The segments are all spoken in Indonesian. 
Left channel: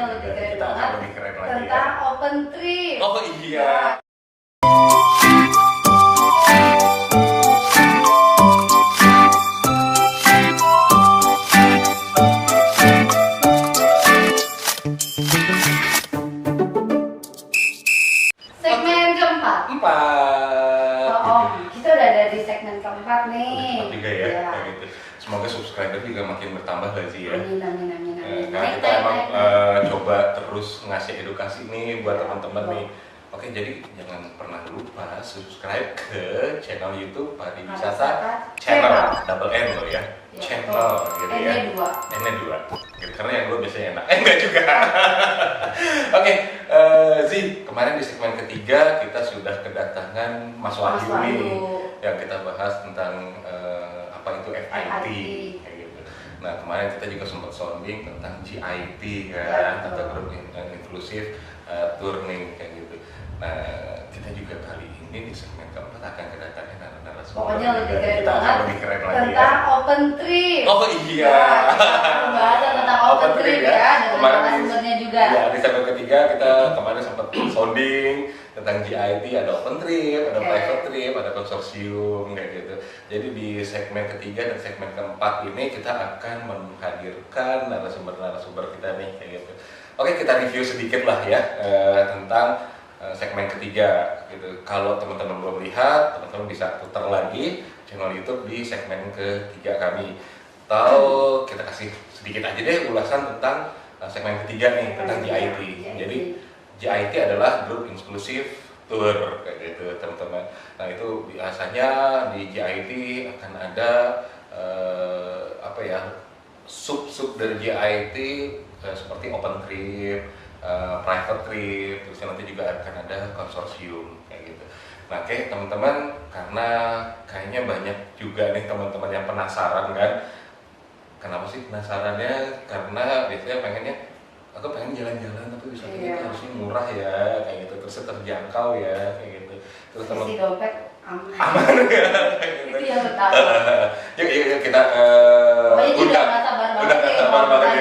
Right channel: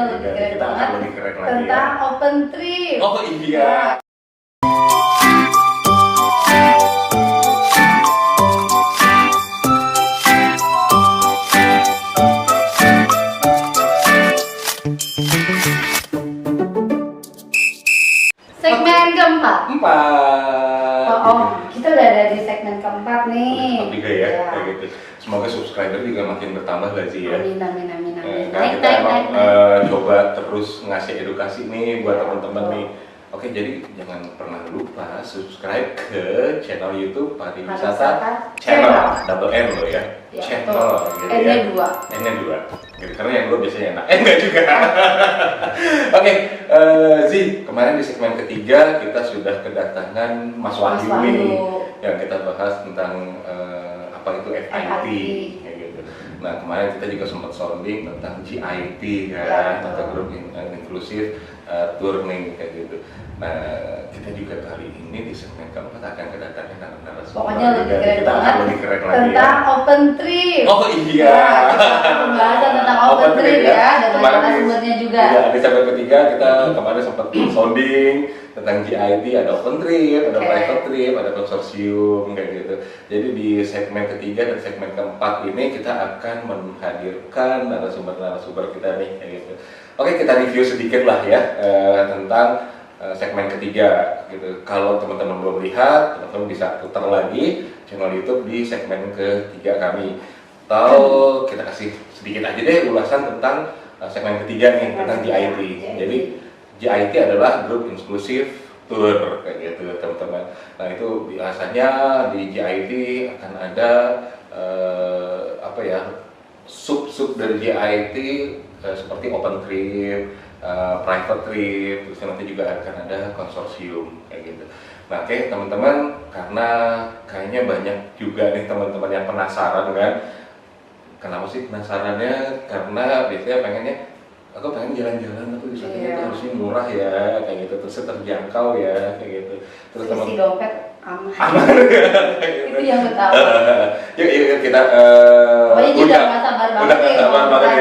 pokoknya lebih keren kita banget lebih keren lagi tentang ya. open trip. Oh iya. Segmen keempat. Kita udah ada di segmen keempat nih. Tiga ya, kayak gitu. Semoga subscriber juga makin bertambah lagi ya. Amin. Kita emang coba terus ngasih edukasi nih buat teman-teman nih. Oke, jadi jangan pernah lupa subscribe ke channel YouTube Pariwisata Channel, double N loh ya, channel gitu ya. N-nya 2. Gitu, karena yang 2 biasanya enak. Enggak juga. Oke, Zi, kemarin di segmen ketiga kita sudah kedatangan Mas Wahyu nih, yang kita bahas tentang apa itu FIT kayak gitu. Nah, kemarin kita juga sempat sounding tentang GIT kan, atau Group Inclusive Learning kayak gitu. Nah, kita juga kali ini di segmen keempat akan kedatangan narasumber. Pokoknya lebih keren kita banget lebih keren lagi tentang ya. open trip. Oh iya. Pembahasan tentang open trip ya, dengan narasumbernya juga. Ya, di segmen ketiga kita kemarin sempat sounding tentang GIT, ada open trip, ada private trip, ada konsorsium kayak gitu. Jadi di segmen ketiga dan segmen keempat ini kita akan menghadirkan narasumber kita nih kayak gitu. Oke, kita review sedikit lah ya tentang segmen ketiga gitu. Kalau teman-teman belum lihat, teman-teman bisa putar lagi channel YouTube di segmen ketiga kami. Atau kita kasih sedikit aja deh ulasan tentang segmen ketiga nih, tentang GIT. Jadi GIT adalah Group Inclusive Tour kayak gitu teman-teman. Nah, itu biasanya di GIT akan ada apa ya, sub dari GIT seperti open trip, private trip, terus nanti juga akan ada konsorsium kayak gitu. Nah, oke teman-teman, karena kayaknya banyak juga nih teman-teman yang penasaran kan. Kenapa sih penasarannya? Karena biasanya pengennya, aku pengen jalan-jalan tapi wisatanya itu harusnya murah ya kayak gitu, terus terjangkau ya kayak gitu. Terus isi dompet aman ya kayak gitu. Itu yang utama. Yuk kita pokoknya juga nggak sabar banget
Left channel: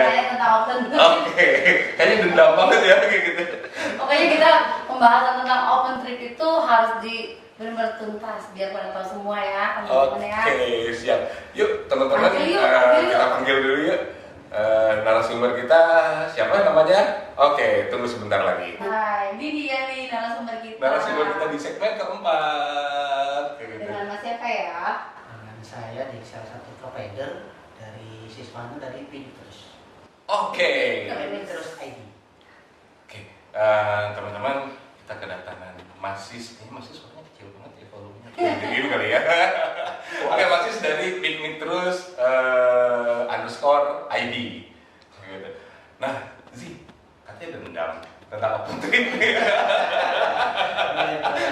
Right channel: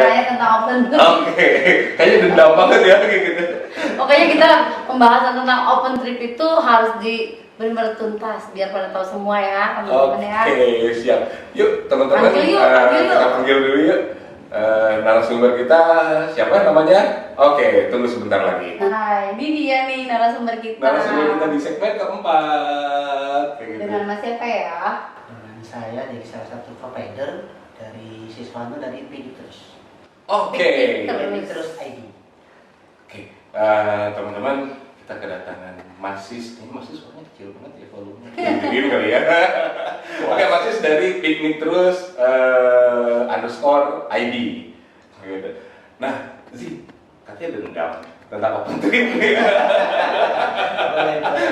ya tentang open trip. Oke, kayaknya dendam banget ya kayak gitu. Pokoknya kita pembahasan tentang open trip itu harus benar-benar tuntas biar pada tahu semua ya teman-teman ya. Oke, siap. Yuk teman-teman, kita panggil dulu yuk narasumber kita. Siapa namanya? Oke, tunggu sebentar lagi. Hai, ini dia nih narasumber kita. Narasumber kita di segmen keempat. Dengan Mas siapa ya? Dengan saya dari salah satu provider dari Siswanto dari Pinitrus. Oke. Pinitrus ID. Oke, teman-teman, kita kedatangan Masis. Ini Masis suaranya kecil banget ya volumenya. Gini kali ya. Oke, Masis dari Pinitrus _ID. Gitu. Nah, Zi, katanya dendam tentang open trip nih.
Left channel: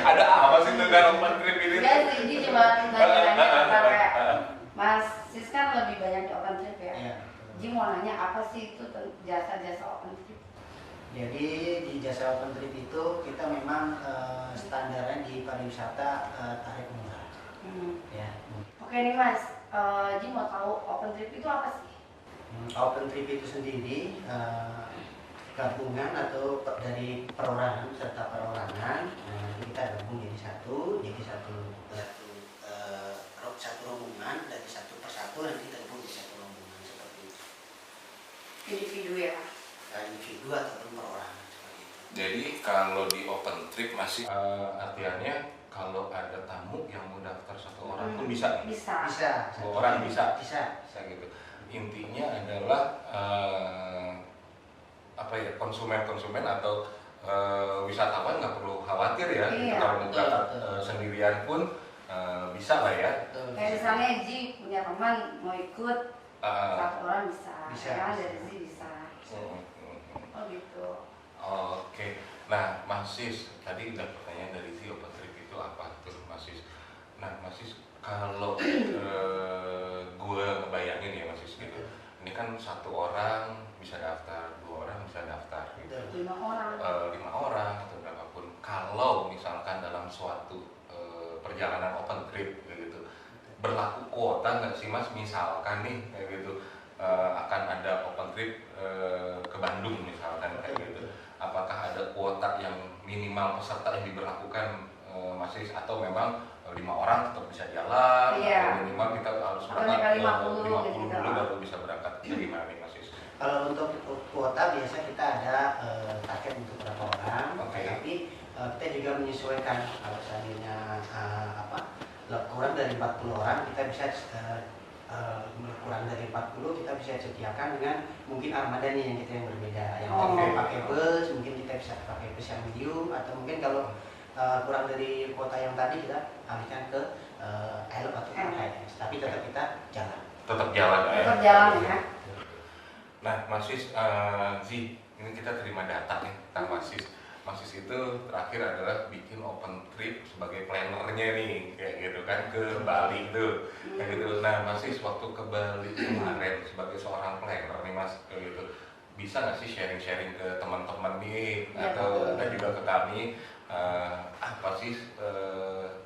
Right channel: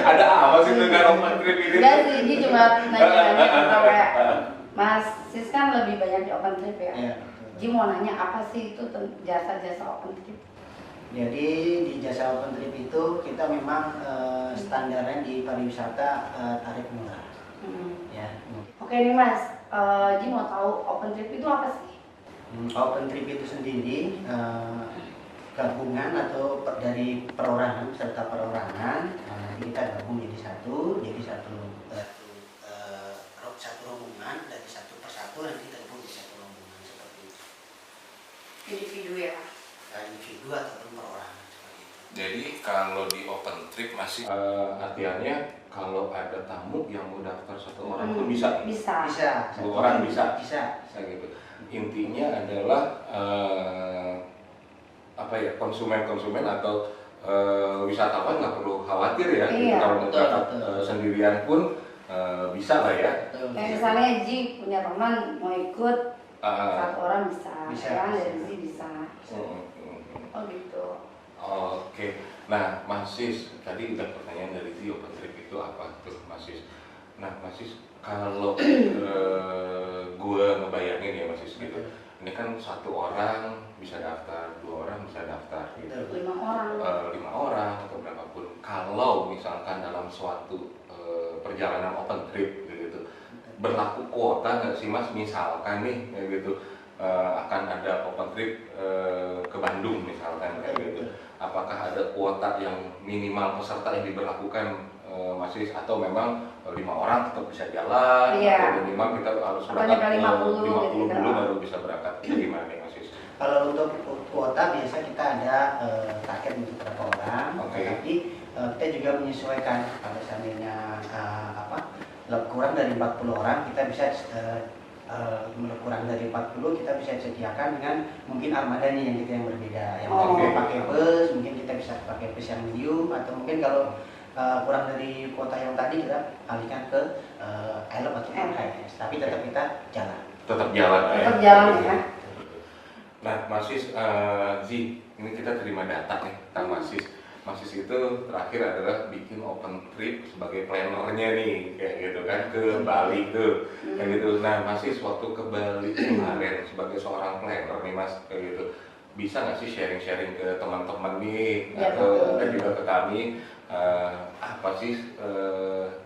Ada apa sih tentang open trip ini? Enggak sih, ini cuma nanya-nanya apa kayak Mas Sis kan lebih banyak di open trip ya. Iya. Ji mau nanya apa sih itu jasa-jasa open trip? Jadi di jasa open trip itu kita memang standarnya di pariwisata tarif murah. Ya. Oke nih Mas, Ji mau tahu open trip itu apa sih? Open trip itu sendiri gabungan atau dari perorangan serta perorangan. Nah, nanti kita gabung jadi satu rombongan dari satu persatu nanti kita gabung jadi satu rombongan seperti itu. Individu ya? Individu ataupun perorangan seperti itu. Jadi kalau di open trip masih artinya kalau ada tamu yang mau daftar satu orang pun bisa. Bisa. Dua orang bisa. Bisa Gitu. Intinya adalah apa ya, konsumen atau wisatawan nggak perlu khawatir ya. Gitu. Kalau mau berangkat sendirian pun bisa lah ya. Kayak misalnya Ji punya teman mau ikut satu orang bisa. Ya, dari Ji bisa. Oh gitu. Oke. Nah, Mas Sis, tadi udah pertanyaan dari Zi, open trip itu apa tuh, Mas Sis? Nah, Mas Sis, kalau gue ngebayangin ya Mas Sis gitu, ini kan satu orang bisa daftar, dua orang bisa daftar gitu. 5 orang. 5 orang atau berapapun. Kalau misalkan dalam suatu perjalanan open trip gitu, berlaku kuota nggak sih Mas? Misalkan nih kayak gitu akan ada open trip ke Bandung misalkan ada kuota yang minimal peserta yang diberlakukan masih, atau memang 5 orang tetap bisa jalan, atau minimal kita harus berangkat 50 dulu baru bisa berangkat. Itu gimana nih Mas Is? Kalau untuk kuota biasa kita ada target untuk berapa orang, tapi kita juga menyesuaikan. Kalau seandainya kurang dari 40 orang, kita bisa kurang dari 40 kita bisa sediakan dengan mungkin armada nih yang berbeda. Yang tadi pakai bus, mungkin kita bisa pakai bus yang medium, atau mungkin kalau kurang dari kuota yang tadi kita alihkan ke Elop atau HS, tapi tetap kita jalan. Tetap jalan ya. Tetap jalan ya. Nah, Mas Is, Zi, ini kita terima data nih, kan Mas Is. Mas Is itu terakhir adalah bikin open trip sebagai plannernya nih, kayak gitu kan, ke Bali tuh, kayak gitu. Nah, Mas Is waktu ke Bali kemarin sebagai seorang planner nih Mas, kayak gitu, bisa nggak sih sharing-sharing ke teman-teman nih, atau juga ke kami? Apa sih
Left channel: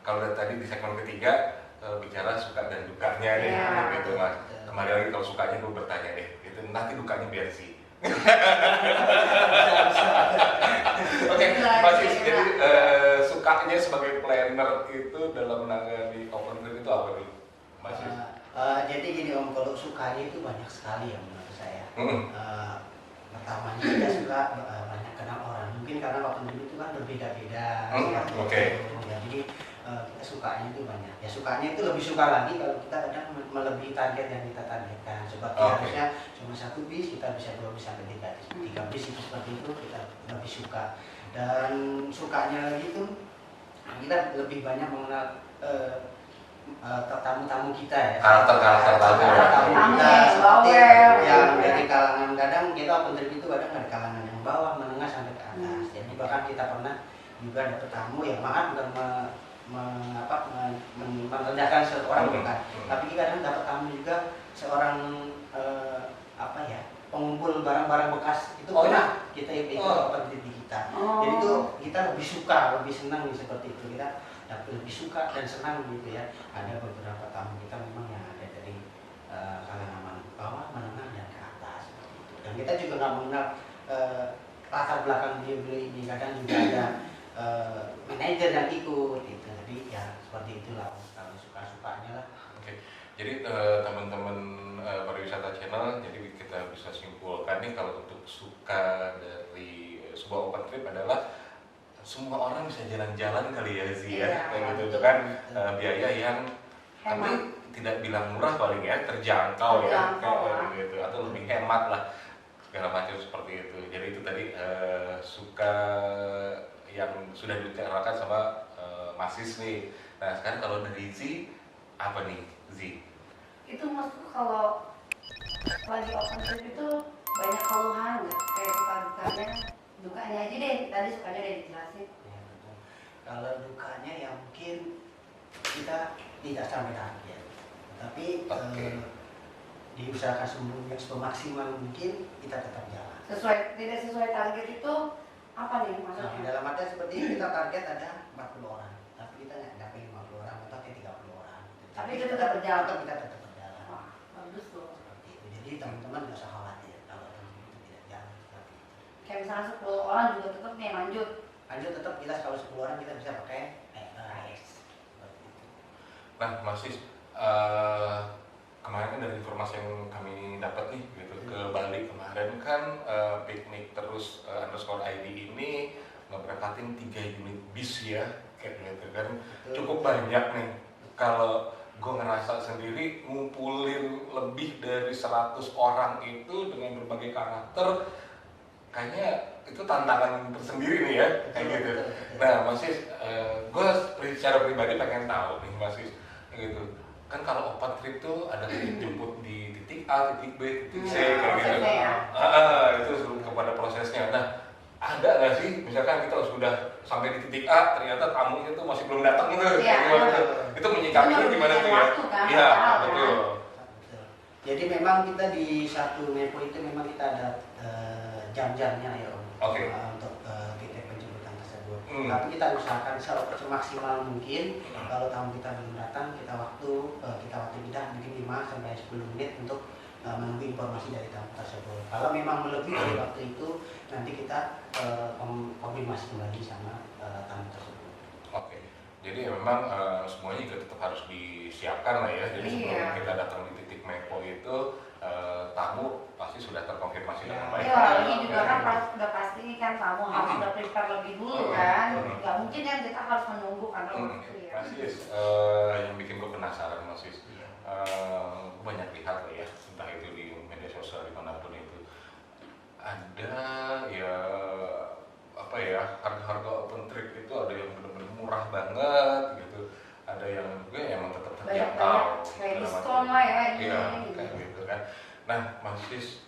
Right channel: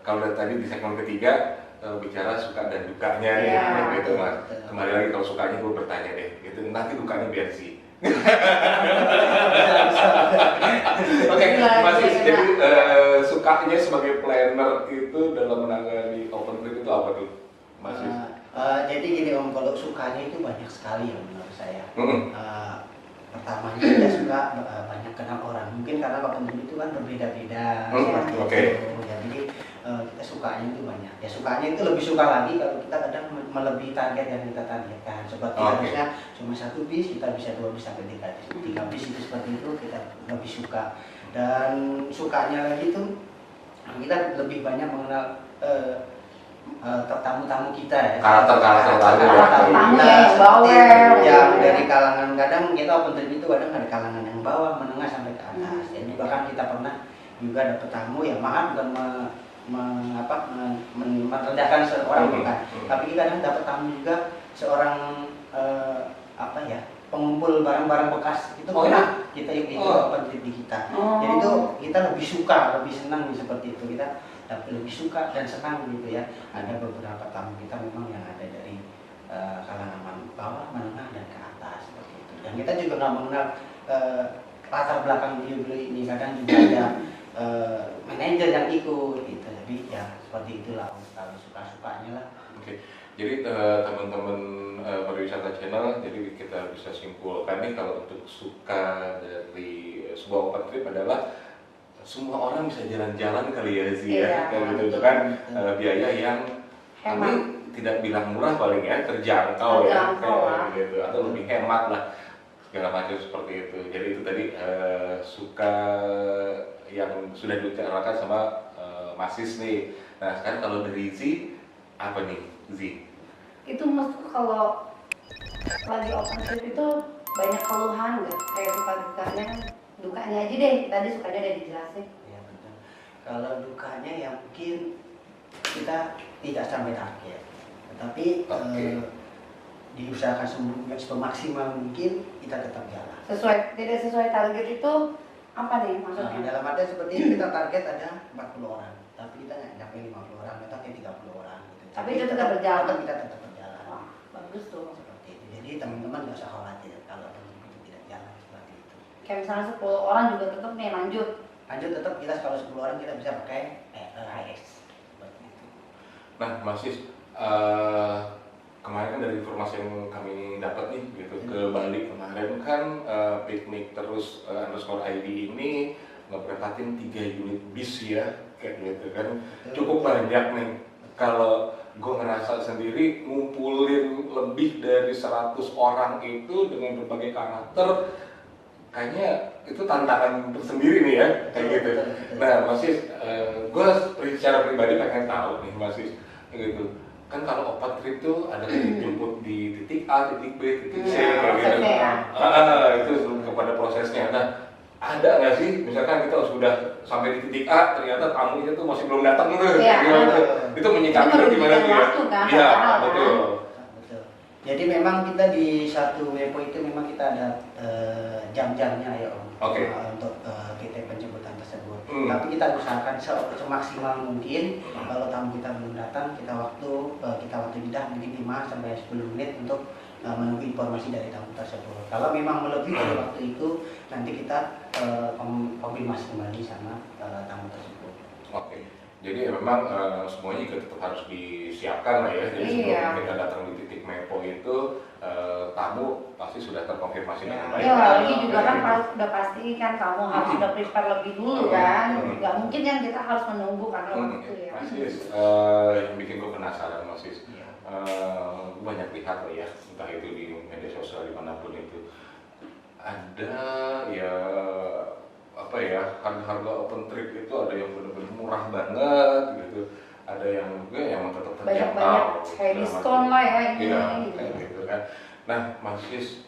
kalau dari tadi di segmen ketiga bicara suka dan dukanya nih, gitu Mas. Kembali lagi kalau sukanya gue bertanya deh, gitu. Nanti dukanya biar sih. Oke, masih jadi sukanya sebagai planner itu dalam menangani open trip itu apa tuh, Mas? Jadi gini Om, kalau sukanya itu banyak sekali ya menurut saya. Pertamanya kita suka banyak kenal orang, mungkin karena open trip itu kan berbeda-beda seperti itu. Ya, jadi kita sukanya itu banyak. Ya sukanya itu lebih suka lagi kalau kita kadang melebihi target yang kita targetkan. Seperti harusnya cuma 1 bis, kita bisa 2 bis sampai 3 bis. 3 bis itu seperti itu kita lebih suka. Dan sukanya lagi itu kita lebih banyak mengenal tamu-tamu kita ya, karakter tamu kita seperti yang dari kalangan, kadang kita open trip itu kadang ada kalangan yang bawah, menengah sampai ke atas. Jadi bahkan kita pernah juga dapat tamu yang maaf bukan merendahkan seorang, bukan, tapi kita kadang dapat tamu juga seorang pengumpul barang-barang bekas itu pernah kita itu open trip di kita. Jadi itu kita lebih suka, lebih senang seperti itu, kita lebih suka dan senang gitu ya. Ada beberapa tamu kita memang yang ada dari kalangan bawah, menengah dan ke atas seperti itu. Dan kita juga nggak mengenal latar belakang beliau ini. Kadang juga ada manajer yang ikut gitu. Tapi ya seperti itulah kalau suka-sukanya lah. Oke. Jadi teman-teman pariwisata channel, jadi kita bisa simpulkan nih kalau untuk suka dari sebuah open trip adalah semua orang bisa jalan-jalan kali ya Zia, kayak gitu kan, biaya yang kami tidak bilang murah paling ya, terjangkau ya, kayak gitu, atau lebih hemat lah, segala macam seperti itu. Jadi itu tadi suka yang sudah diutarakan sama Mas Is nih. Nah sekarang kalau dari Zi, apa nih Zi? Itu maksudku kalau lagi open trip itu banyak keluhan nggak? Kayak suka dukanya aja deh, tadi sukanya udah dijelasin. Ya betul. Kalau dukanya ya mungkin kita tidak sampai target, tetapi diusahakan semaksimal mungkin kita tetap jalan. Tidak sesuai target itu apa nih maksudnya? Dalam arti seperti ini, kita target ada 40 orang, tapi kita nggak sampai 50 orang atau 30 orang gitu. Tapi itu tetap berjalan. Kita tetap berjalan. Wah, bagus tuh. Seperti itu. Jadi teman-teman nggak usah khawatir kalau itu tidak jalan seperti itu. Kayak misalnya 10 orang juga tetap nih lanjut tetap kita kalau 10 orang kita bisa pakai HX seperti itu. Nah Mas Is, kemarin kan dari informasi yang kami dapat nih gitu, ke Bali kemarin kan piknik terus _ID ini ngeberangkatin 3 unit bis ya, kayak gitu kan. Cukup banyak nih. Kalau gue ngerasa sendiri ngumpulin lebih dari 100 orang itu dengan berbagai karakter, kayaknya itu tantangan tersendiri nih ya, kayak gitu. Nah Mas Is, gue secara pribadi pengen tahu nih Mas Is, gitu kan, kalau open trip tuh ada jemput di titik A, titik B, titik C, kayak gitu. Itu kepada prosesnya. Nah ada nggak sih, misalkan kita sudah sampai di titik A, ternyata tamunya tuh masih belum datang tuh, itu menyikapinya gimana tuh ya? Iya, betul. Jadi memang kita di satu Mepo itu memang kita ada jam-jamnya ya Om, untuk titik penjemputan tersebut. Tapi kita usahakan semaksimal mungkin. Kalau tamu kita belum datang, kita waktu jeda mungkin 5 sampai 10 menit untuk menunggu informasi dari tamu tersebut. Kalau memang melebihi dari waktu itu, nanti kita konfirmasi kembali sama tamu tersebut. Oke, jadi memang semuanya juga tetap harus disiapkan lah ya. Jadi sebelum kita datang di titik Mepo itu, tamu pasti sudah terkonfirmasi dengan baik. Iya, lagi juga kan kalau sudah pasti kan kamu harus sudah prepare lebih dulu kan. Nggak mungkin yang kita harus menunggu karena waktu ya. Mas Sis, yang bikin gue penasaran Mas Sis, gue banyak lihat lah ya, entah itu di media sosial dimanapun itu, ada ya apa ya, harga-harga open trip itu ada yang benar-benar murah banget gitu, ada yang juga yang tetap terjangkau, banyak kayak diskon lah ya ini. Iya, kayak gitu kan. Nah, Mas Sis,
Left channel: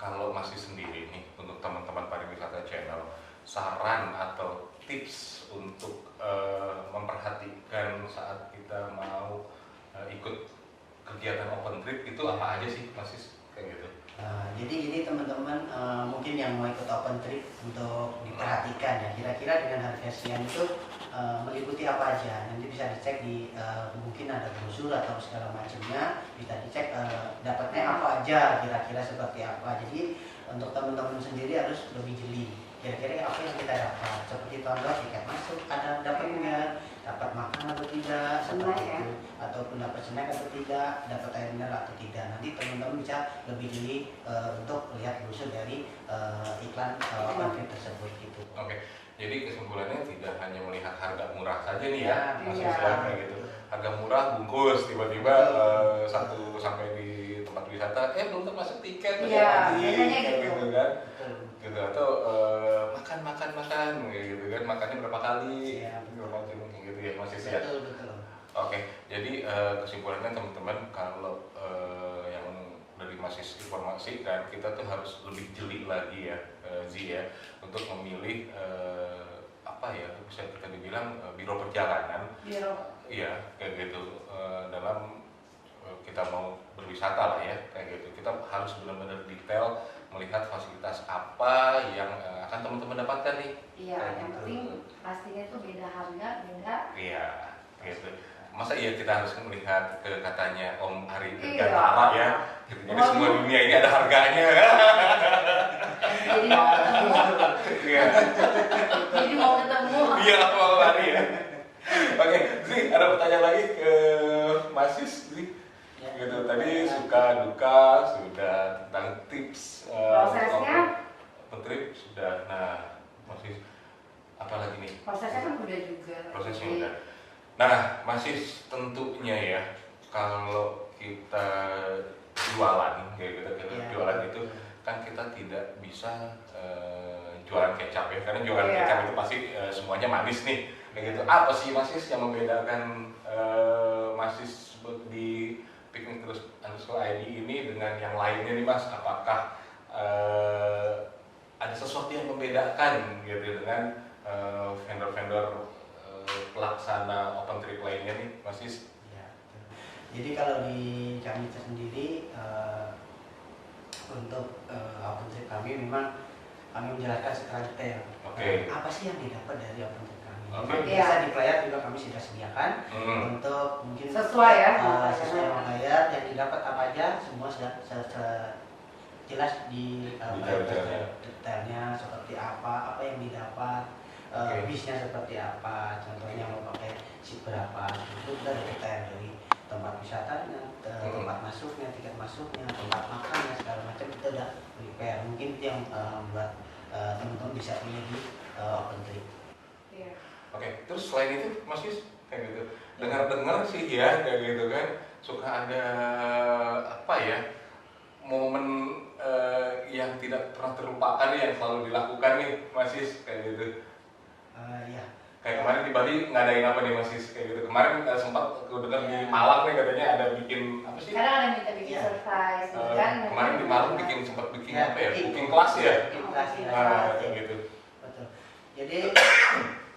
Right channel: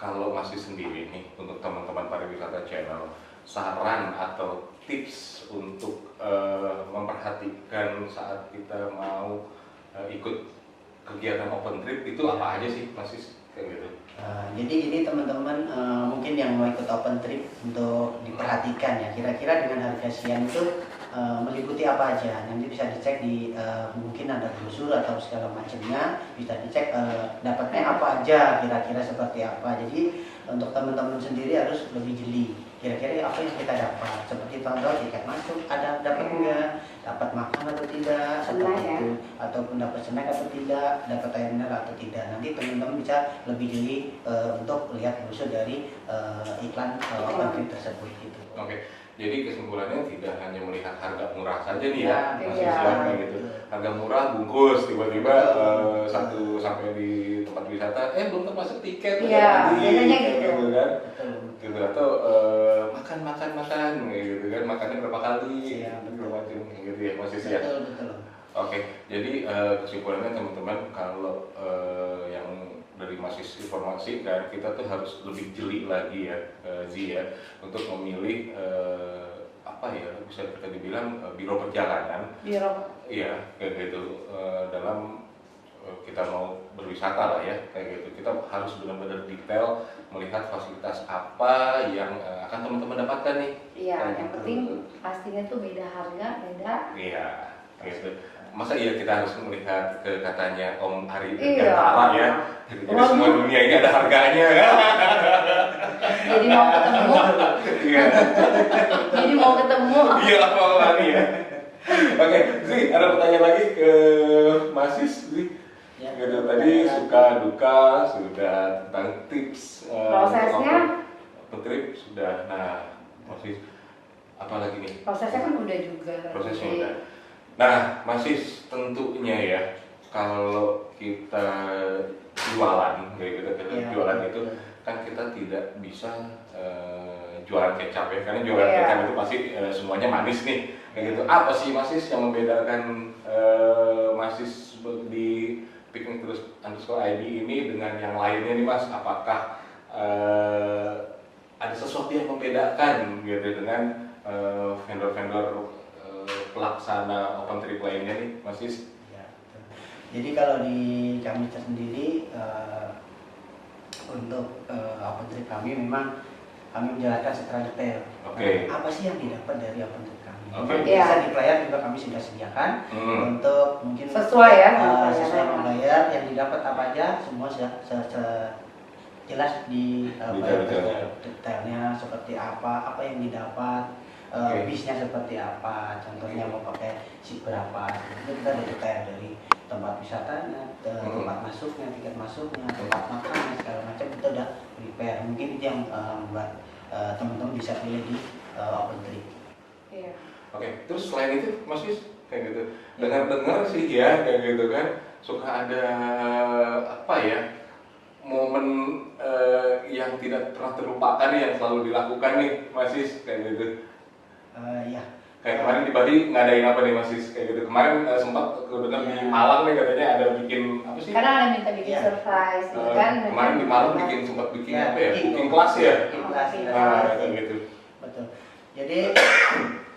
kalau masih sendiri nih untuk teman-teman pariwisata channel, saran atau tips untuk memperhatikan saat kita mau ikut kegiatan open trip itu apa aja sih, Mas Sis? Kayak gitu. Jadi teman-teman mungkin yang mau ikut open trip untuk diperhatikan ya, kira-kira dengan harga sekian itu meliputi apa aja. Nanti bisa dicek di mungkin ada brosur atau segala macamnya, bisa dicek dapatnya apa aja, kira-kira seperti apa. Jadi untuk teman-teman sendiri harus lebih jeli. Kira-kira apa yang kita dapat, seperti contoh tiket masuk ada dapat enggak, dapat makan atau tidak, seperti itu, ataupun dapat snack atau tidak, dapat air mineral atau tidak. Nanti teman-teman bisa lebih jeli untuk lihat brosur dari iklan open trip tersebut gitu. Oke, jadi kesimpulannya tidak hanya melihat harga murah saja nih ya, Mas Sis, iya. kayak gitu. Harga murah bungkus, tiba-tiba satu sampai di tempat wisata, belum termasuk tiket, Iya, biasanya kayak gitu. kan. Betul. Gitu, atau makan kayak gitu kan, makannya berapa kali, Iya, betul. berapa macam kayak gitu ya, Mas Sis ya. Betul. Oke, jadi kesimpulannya teman-teman, kalau yang dari Mas Sis informasi kan, kita tuh harus lebih jeli lagi ya, Zi ya, untuk memilih apa ya, bisa kita dibilang biro perjalanan. Iya, kayak gitu, dalam kita mau berwisata lah ya, kayak gitu. Kita harus benar-benar detail melihat fasilitas apa yang akan teman-teman dapatkan nih. Iya, Kayak yang gitu. penting pastinya tuh beda harga, beda. Iya, gitu. Masa iya kita harus melihat ke katanya Om Ari Iya. Dirgantara ya. Jadi semua dunia ini ada harganya kan. Jadi mau ketemu, Iya. jadi mau ketemu. Iya, apa lagi ya. Oke, Zri, ada pertanyaan lagi ke Mas Sis, Zri. Ya. Gitu, tadi suka duka sudah, tentang tips Prosesnya? open trip sudah. Nah, Mas Sis, apa lagi nih? Prosesnya kan udah juga. Prosesnya Jadi, udah. Nah, masih tentunya ya, kalau kita jualan kayak gitu, jualan itu kan kita tidak bisa jualan kecap ya, karena jualan kecap itu pasti semuanya manis nih, kayak gitu. Apa sih Masis yang membedakan Masis di Piknik Terus _ID ini dengan yang lainnya nih Mas? Apakah ada sesuatu yang membedakan gitu dengan vendor-vendor pelaksana open trip lainnya nih, Mas Sis? Ya, betul. Jadi kalau di kami sendiri untuk open trip kami memang kami menjelaskan secara detail. Oke. Apa sih yang didapat dari open trip kami? Oke. Mungkin bisa di player juga kami sudah sediakan untuk mungkin sesuai ya sesuai membayar yang didapat apa aja, semua jelas di detailnya seperti apa yang didapat. Bisnya seperti apa, contohnya mau pakai seat berapa, itu kita ada detail dari tempat wisatanya, tempat masuknya, tiket masuknya, tempat makannya, segala macam kita udah prepare. Mungkin itu yang buat teman-teman bisa pilih di open trip. Iya. Oke, terus selain itu Mas Sis, kayak gitu, dengar sih ya, kayak gitu kan, suka ada apa ya, momen yang tidak pernah terlupakan yang selalu dilakukan nih Mas Sis, kayak gitu. Ya. Kayak kemarin di Bali ngadain apa nih Mas Sis, kayak gitu. Kemarin sempat aku dengar di Malang nih katanya ada bikin apa sih? Kadang ada minta bikin surprise, kan? Kemarin di Malang sempat bikin apa ya? Itu. Booking kelas ya? Kelas, ya. Kayak gitu. Betul. Jadi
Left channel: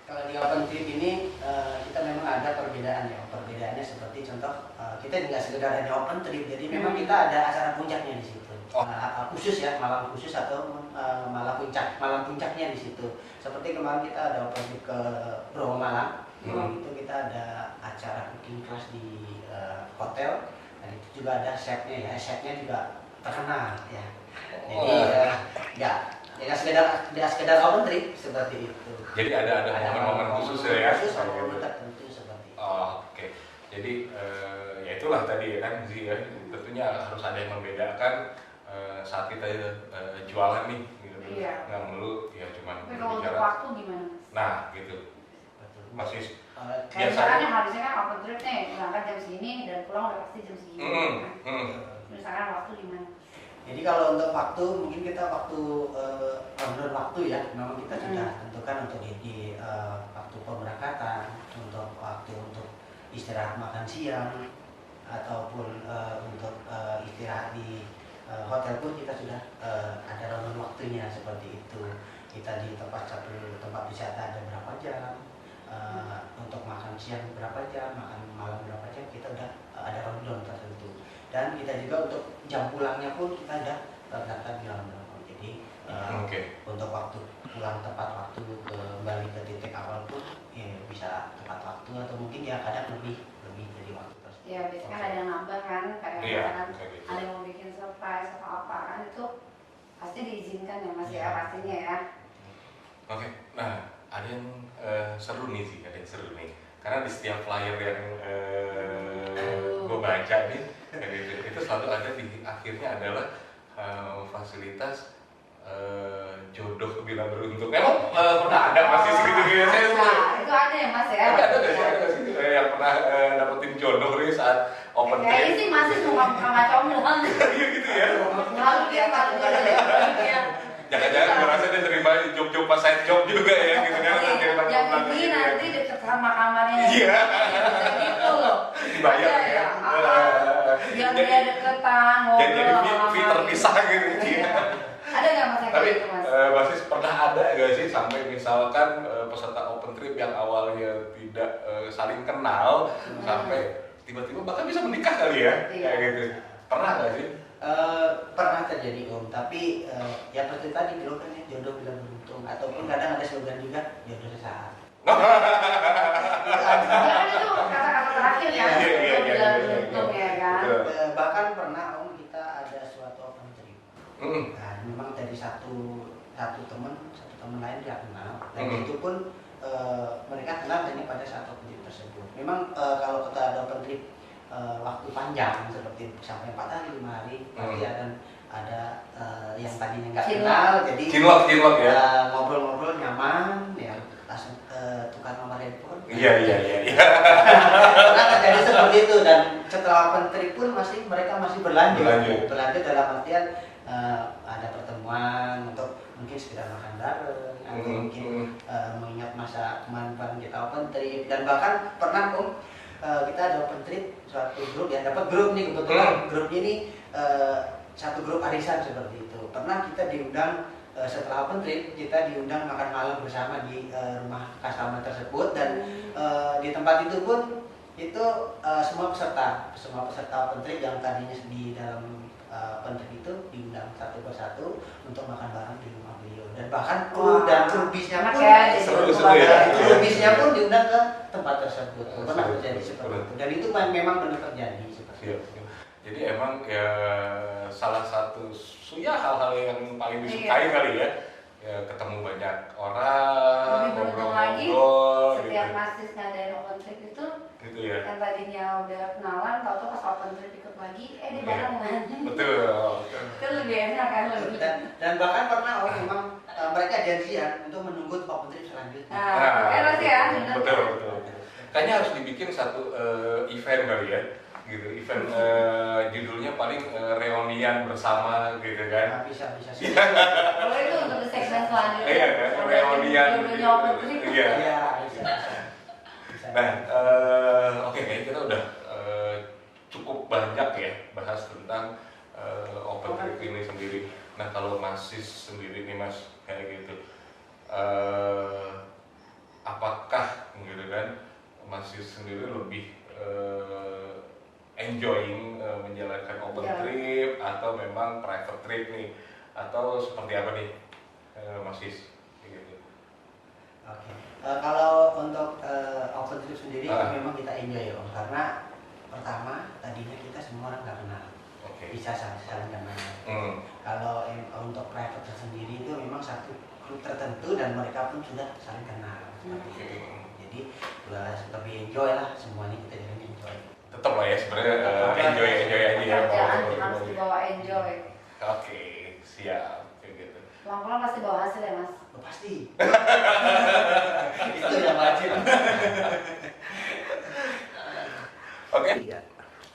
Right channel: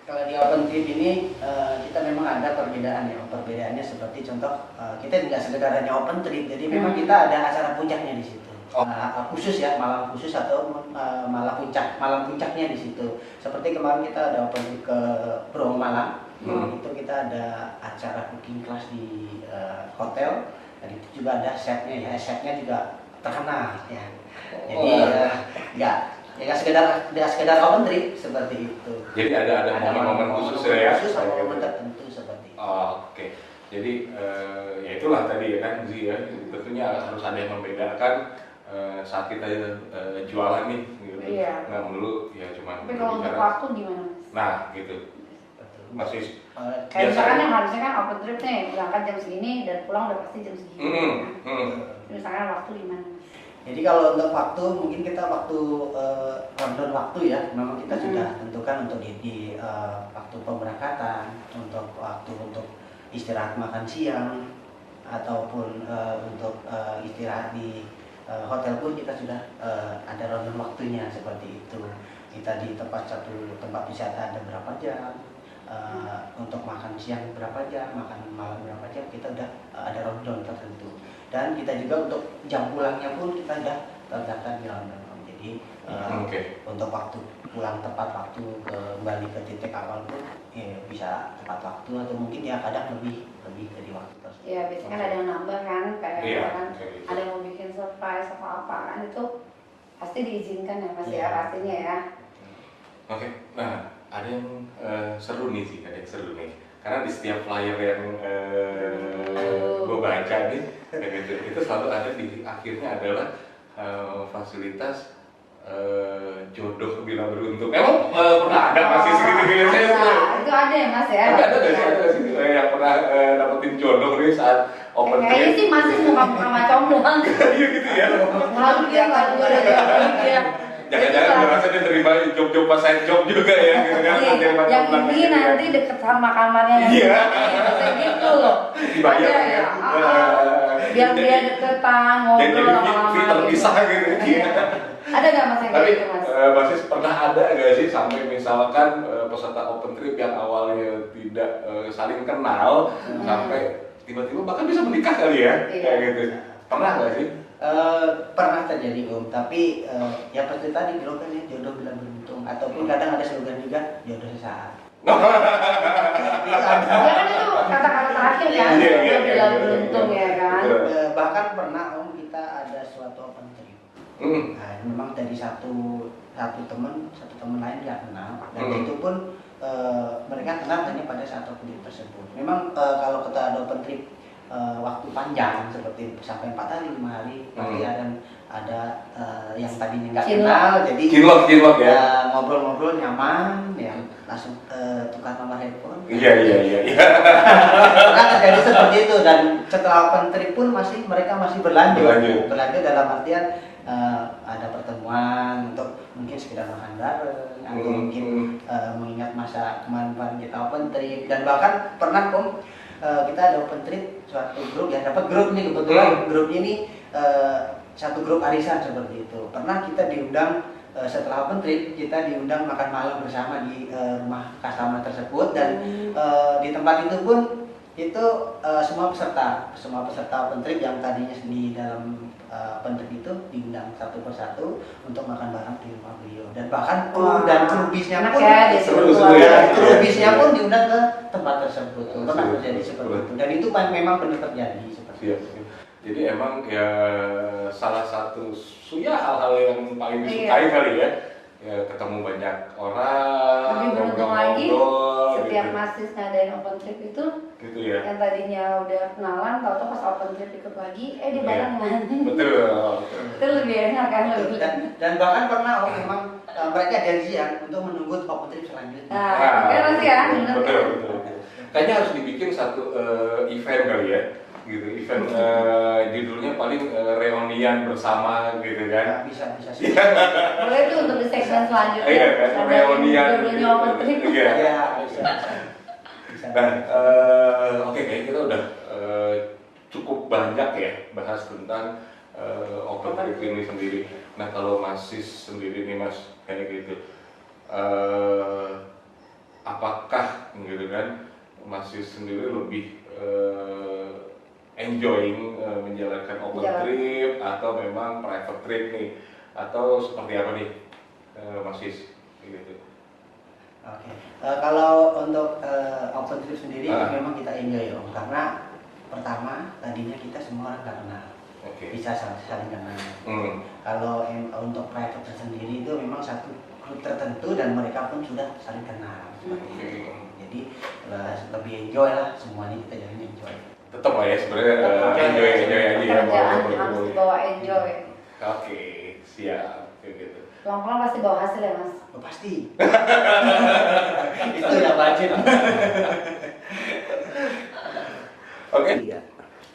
kalau di open trip ini kita memang ada perbedaan ya. Perbedaannya seperti contoh kita tidak sekedar hanya open trip, jadi memang kita ada acara puncaknya di situ. Khusus ya, malam khusus atau malam puncaknya di situ. Seperti kemarin kita ada open trip ke Bromo Malang, itu kita ada acara cooking class di hotel. Dan itu juga ada chefnya ya, chefnya juga terkenal ya. Jadi nggak sekedar open trip seperti itu. Jadi ada momen-momen khusus ya. Khusus sama momen tertentu seperti itu. Oh, oke. Jadi ya itulah tadi ya kan Zi ya. Tentunya harus ada yang membedakan saat kita jualan nih gitu. Iya. Nggak melulu ya cuma Tapi kalau untuk waktu gimana Mas? Nah, gitu. Betul. Masih Kayak misalkan yang harusnya kan open trip nih, berangkat jam segini dan pulang udah pasti jam segini. Kan? Misalkan waktu gimana Mas? Jadi kalau untuk waktu mungkin kita waktu rundown waktu ya, memang kita sudah tentukan untuk di waktu pemberangkatan, untuk waktu untuk istirahat makan siang ataupun untuk istirahat di hotel pun kita sudah ada rundown waktunya seperti itu. Kita di tempat wisata ada berapa jam, untuk makan siang berapa jam, makan malam berapa jam, kita udah ada rundown tertentu. Dan kita juga untuk jam pulangnya pun kita udah terdaftar di rundown. Jadi untuk waktu pulang tepat waktu, kembali ke titik awal pun ya, bisa tepat waktu atau mungkin ya kadang lebih dari waktu tersebut. Iya, biasanya kan ada yang nambah kan, kayak misalkan ada yang mau bikin surprise atau apa kan, itu pasti diizinkan ya Mas ya, pastinya ya. Oke, nah ada yang seru nih sih, ada yang seru nih. Karena di setiap flyer yang gue baca nih, itu selalu ada di akhirnya adalah fasilitas jodoh bila beruntung. Emang pernah ada masih segitu-gitu? Itu ada ya Mas ya? Ada nggak sih yang pernah dapetin jodoh nih saat open trip? Kayaknya sih masih muka-muka comblang. Iya gitu ya. Lalu dia nggak ada jodoh dia. Jangan-jangan merasa dia terima job-job pas side job juga ya gitu kan? Yang ini nanti deket sama kamarnya. Iya. Gitu loh. Dibayar ya. Biar dia deketan, ngobrol sama jadi terpisah gitu. Ada nggak Mas yang kayak gitu Mas? Basis pernah ada nggak sih sampai misalkan peserta open trip yang awalnya tidak saling kenal sampai tiba-tiba bahkan bisa menikah kali ya? Kayak gitu. Pernah nggak sih? Pernah terjadi Om, tapi ya seperti tadi bilang kan ya jodoh bila beruntung, ataupun kadang ada slogan juga jodoh sesaat. Ya kan itu kata-kata terakhir kan, jodoh bila beruntung ya kan. Bahkan pernah Om kita ada suatu open trip. Nah, memang dari satu teman lain dia kenal, dan itu pun mereka kenal hanya pada saat open trip tersebut. Memang kalau kita ada open trip waktu panjang seperti sampai 4 hari 5 hari pasti ada yang tadinya nggak kenal jadi cinlok ya, ngobrol-ngobrol nyaman ya, langsung tukar nomor handphone. Iya. Karena terjadi seperti itu, dan setelah open trip pun mereka masih berlanjut dalam artian ada pertemuan untuk mungkin sekedar makan bareng atau mungkin mengingat masa kemarin kita open trip. Dan bahkan pernah kita ada open trip suatu grup ya, dapat grup nih kebetulan grupnya ini satu grup arisan seperti itu. Pernah kita diundang setelah open trip, kita diundang makan malam bersama di rumah customer tersebut, dan di tempat itu pun itu semua peserta open trip yang tadinya di dalam open trip itu diundang satu persatu untuk makan bareng di rumah beliau, dan bahkan kru bisnya pun diundang ke tempat tersebut. Pernah terjadi seperti itu, dan itu memang benar terjadi seperti itu. Jadi emang ya salah satu hal-hal yang paling disukai kali ya, ketemu banyak orang, tapi beruntung lagi setiap gitu. Mas ngadain open trip itu Gitu ya. yang tadinya udah kenalan, tau-tau pas open trip ikut lagi dia barengan. Betul. Itu lebih enak kan lebih. Dan bahkan pernah memang mereka janjian untuk menunggu open trip selanjutnya. Nah, sih ya. Betul. Kayaknya harus dibikin satu event kali ya. Gitu, event judulnya paling reunian bersama gitu kan. Bisa sih. Boleh tuh untuk di segmen selanjutnya. Iya kan, reunian. Iya, bisa. Nah, oke, kayaknya kita udah cukup banyak ya bahas tentang open trip ini sendiri. Nah, kalau Masis sendiri nih Mas, kayak gitu, apakah gitu kan Masis sendiri lebih enjoying menjalankan open trip atau memang private trip nih, atau seperti apa nih Masis gitu? Oke. Kalau untuk open trip sendiri memang kita enjoy Om, karena pertama tadinya kita semua orang nggak kenal, bisa saling kenal. Kalau untuk private sendiri itu memang satu grup tertentu dan mereka pun sudah saling kenal seperti itu. Jadi lebih enjoy lah, semuanya kita jadi enjoy. Tetap lah ya sebenarnya enjoy aja ya. Harus dibawa enjoy. Oke, siap kayak gitu. Pulang-pulang pasti bawa hasil ya Mas? Oh, pasti. Itu yang wajib. Oke. Iya.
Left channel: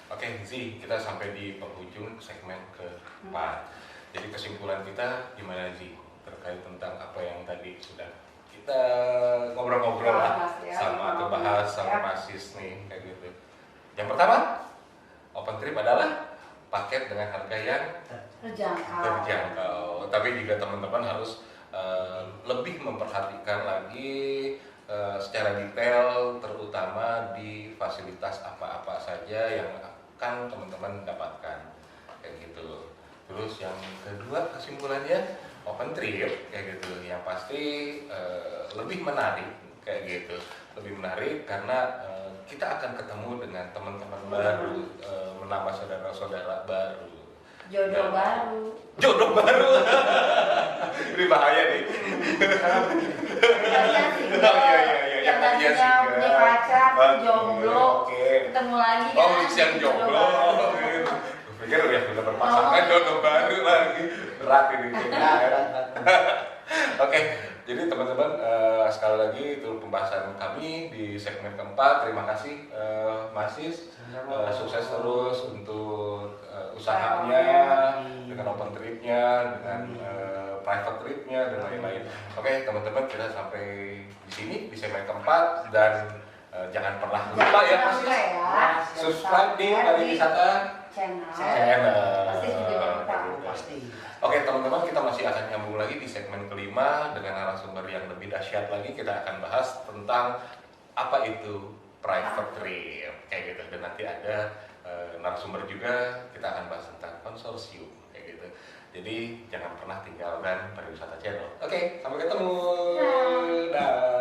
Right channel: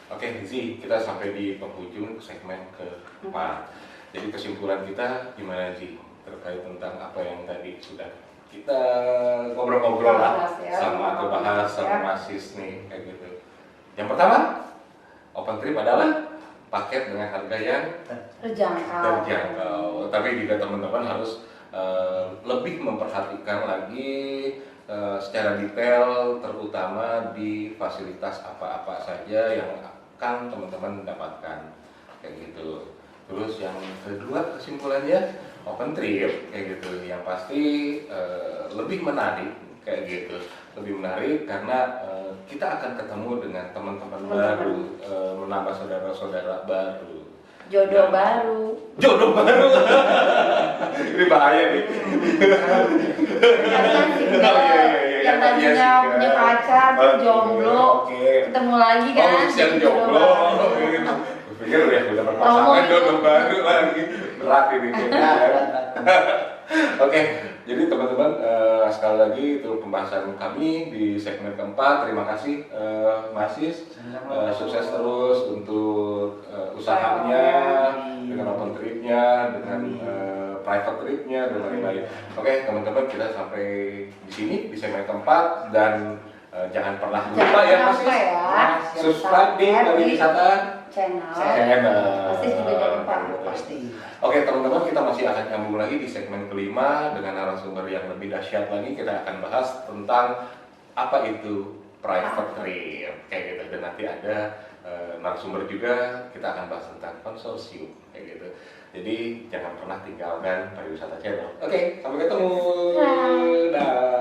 Oke, Zi, kita sampai di penghujung segmen keempat. Jadi kesimpulan kita gimana Zi terkait tentang apa yang tadi sudah kita ngobrol-ngobrol lah sama bahas sama Masis nih kayak gitu. Yang pertama, open trip adalah paket dengan harga yang terjangkau. Tapi juga teman-teman harus lebih memperhatikan lagi secara detail, terutama di fasilitas apa-apa saja yang akan teman-teman dapatkan kayak gitu. Terus yang kedua kesimpulannya open trip kayak gitu, yang pasti lebih menarik kayak gitu, lebih menarik karena kita akan ketemu dengan teman-teman baru, menambah saudara-saudara baru, jodoh baru. Ini bahaya nih. Kalian sih yang tadinya punya pacar jomblo, ketemu lagi kan? Yang jomblo. Pikir udah berpasangan, jodoh baru lagi, berat ini. Oke, jadi teman-teman sekali lagi itu pembahasan kami di segmen keempat. Terima kasih Masis, sukses terus untuk usahanya dengan open tripnya, dengan private tripnya dan lain-lain. Oke, teman-teman kita sampai di sini di segmen keempat dan jangan pernah lupa ya Masis, subscribe di Bali Wisata channel. Pasti juga jangan lupa. Pasti. Oke teman-teman, kita masih akan nyambung lagi di segmen kelima dengan narasumber yang lebih dahsyat lagi. Kita akan bahas tentang apa itu private trip kayak gitu, dan nanti ada narasumber juga, kita akan bahas tentang konsorsium kayak gitu. Jadi jangan pernah tinggalkan Pariwisata Channel. Oke, sampai ketemu. Dah.